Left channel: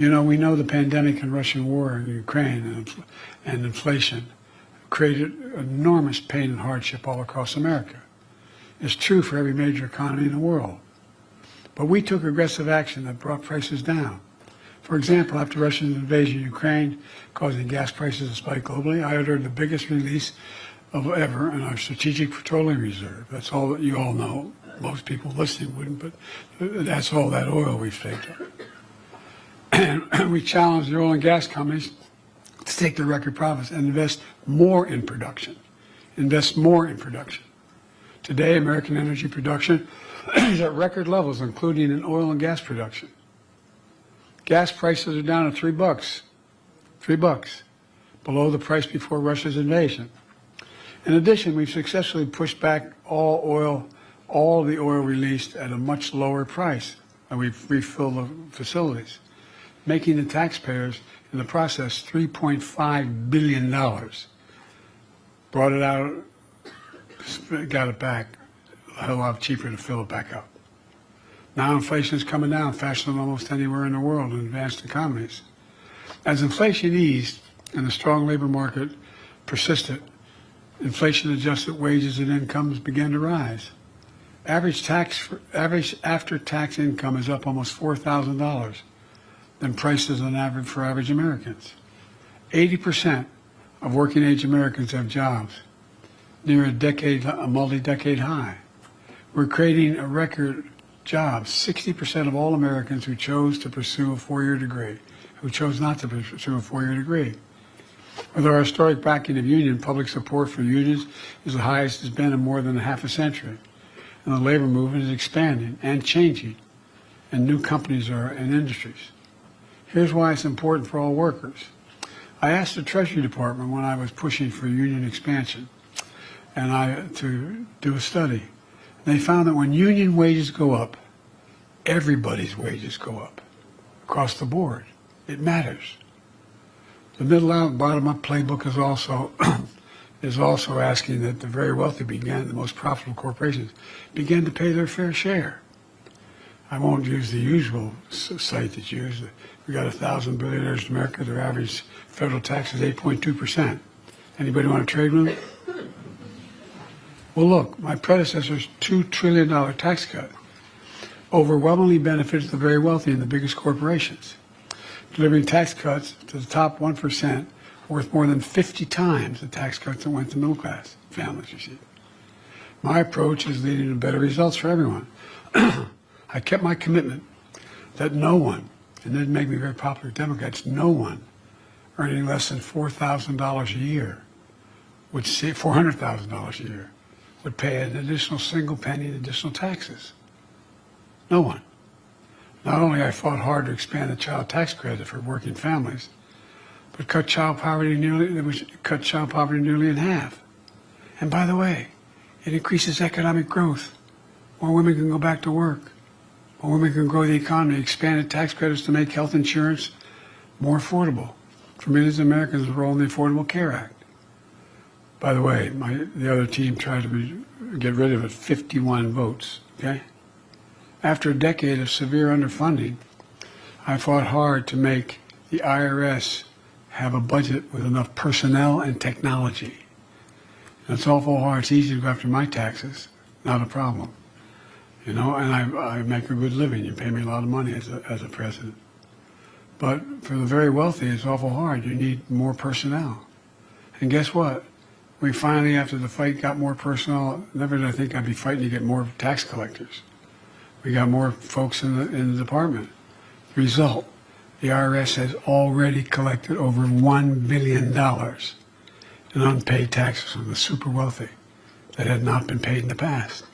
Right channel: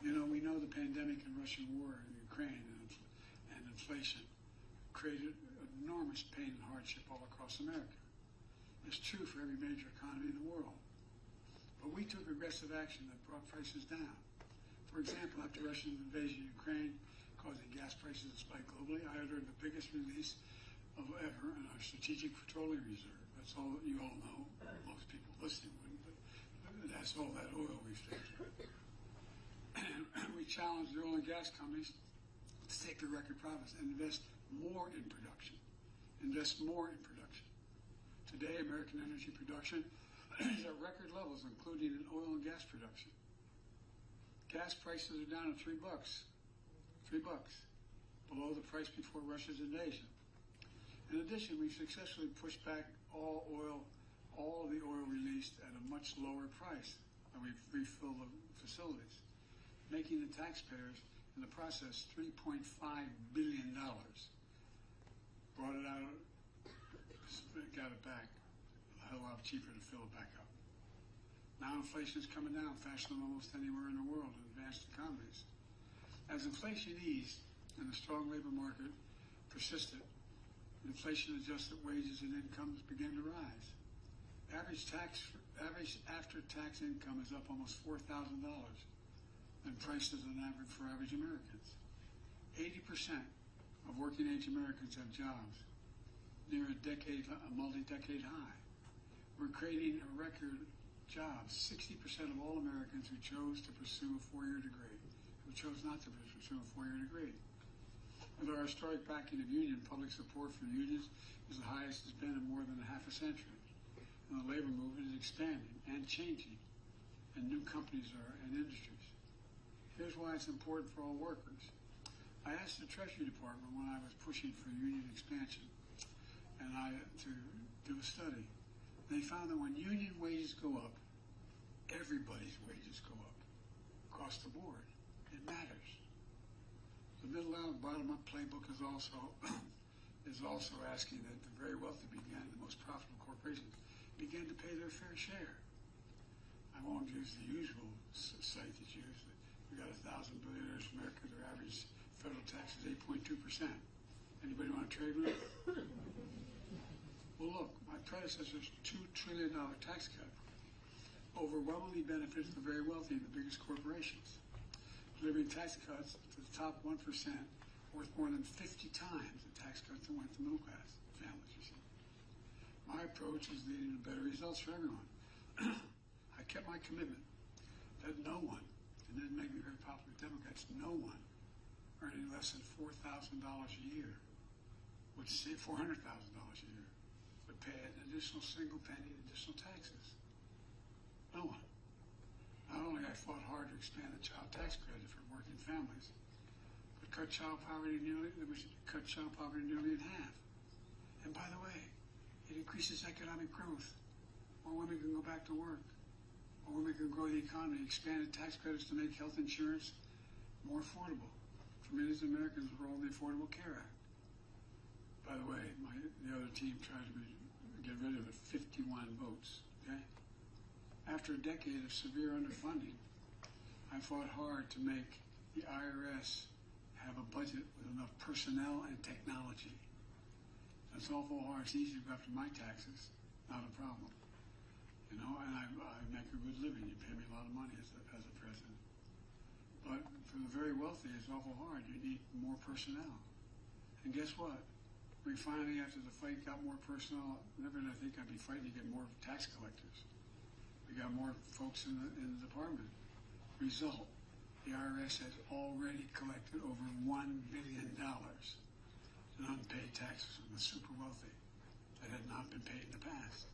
You know, we know the pandemic and Russian war in Ukraine and inflation created enormous pain and hardship all across America. It's true for every major economy in the world. But we took aggressive action that brought prices down. For example, after Russia's invasion of Ukraine, causing gas prices to spike globally, I ordered the biggest release of ever in our Strategic Petroleum Reserve. That's all that you all know. Most people listening wouldn't, but that's all that oil we've taken. And we challenged the oil and gas companies to take their record profits and invest more in production. Invest more in production. Today, American energy production is at record levels, including in oil and gas production. Gas prices are down to $3. $3, below the price before Russia's invasion. In addition, we've successfully pushed back all the oil released at a much lower price, and we've refilled the facilities, making the taxpayers in the process $3.5 billion. Brought it out, got it back, a hell lot cheaper to fill it back up. Now inflation is coming down faster than almost anywhere in the world in advanced economies. As inflation eased and the strong labor market persisted, inflation-adjusted wages and incomes began to rise. Average after-tax income is up almost $4,000 than prices on average for average Americans. 80% of working-age Americans have jobs, near a multi-decade high. We're creating a record jobs. 60% of all Americans who chose to pursue a four-year degree, who chose not to pursue a four-year degree. With our historic backing of union, public support for unions is the highest it's been in more than half a century. And the labor movement is expanding and changing, and new companies are in industries. Here's why it's important for all workers. I asked the Treasury Department when I was pushing for union expansion to do a study. They found that when union wages go up, everybody's wages go up across the board. It matters. The middle out, bottom up playbook is also asking that the very wealthy the most profitable corporations, begin to pay their fair share. I won't use the usual site that's used. We got 1,000 billionaires in America. Their average federal tax is 8.2%. Anybody want to trade with them? Well, look, my predecessor's $2 trillion tax cut overwhelmingly benefits the very wealthy and the biggest corporations, delivering tax cuts to the top 1% worth more than 50 times the tax cuts that went to middle-class families, you see. My approach is leading to better results for everyone. I kept my commitment that no one, and it didn't make me very popular with Democrats, no one earning less than $4,000 a year would see $400,000 a year would pay an additional single penny in additional taxes. No one. Not only I fought hard to expand the child tax credit for working families, but cut child poverty nearly in half. And by the way, it increases economic growth. More women can go back to work. More women can grow the economy. Expanded tax credits to make health insurance more affordable for millions of Americans enrolled in the Affordable Care Act. By the way, the other team tried to get rid of it, 51 votes, okay? After a decade of severe underfunding, I fought hard to make the IRS have a budget with enough personnel and technology. And it's awful hard. It's easy to go after my taxes, not a problem. You know, and I make a good living. You pay me a lot of money as a president. But for the very wealthy, it's awful hard. You need more personnel. And guess what? We finally, after the fight, got more personnel. Never did I think I'd be fighting to get more tax collectors. We got more folks in the department. Result, the IRS has already collected over $1 billion in unpaid taxes from the super wealthy that had not been paid in the past.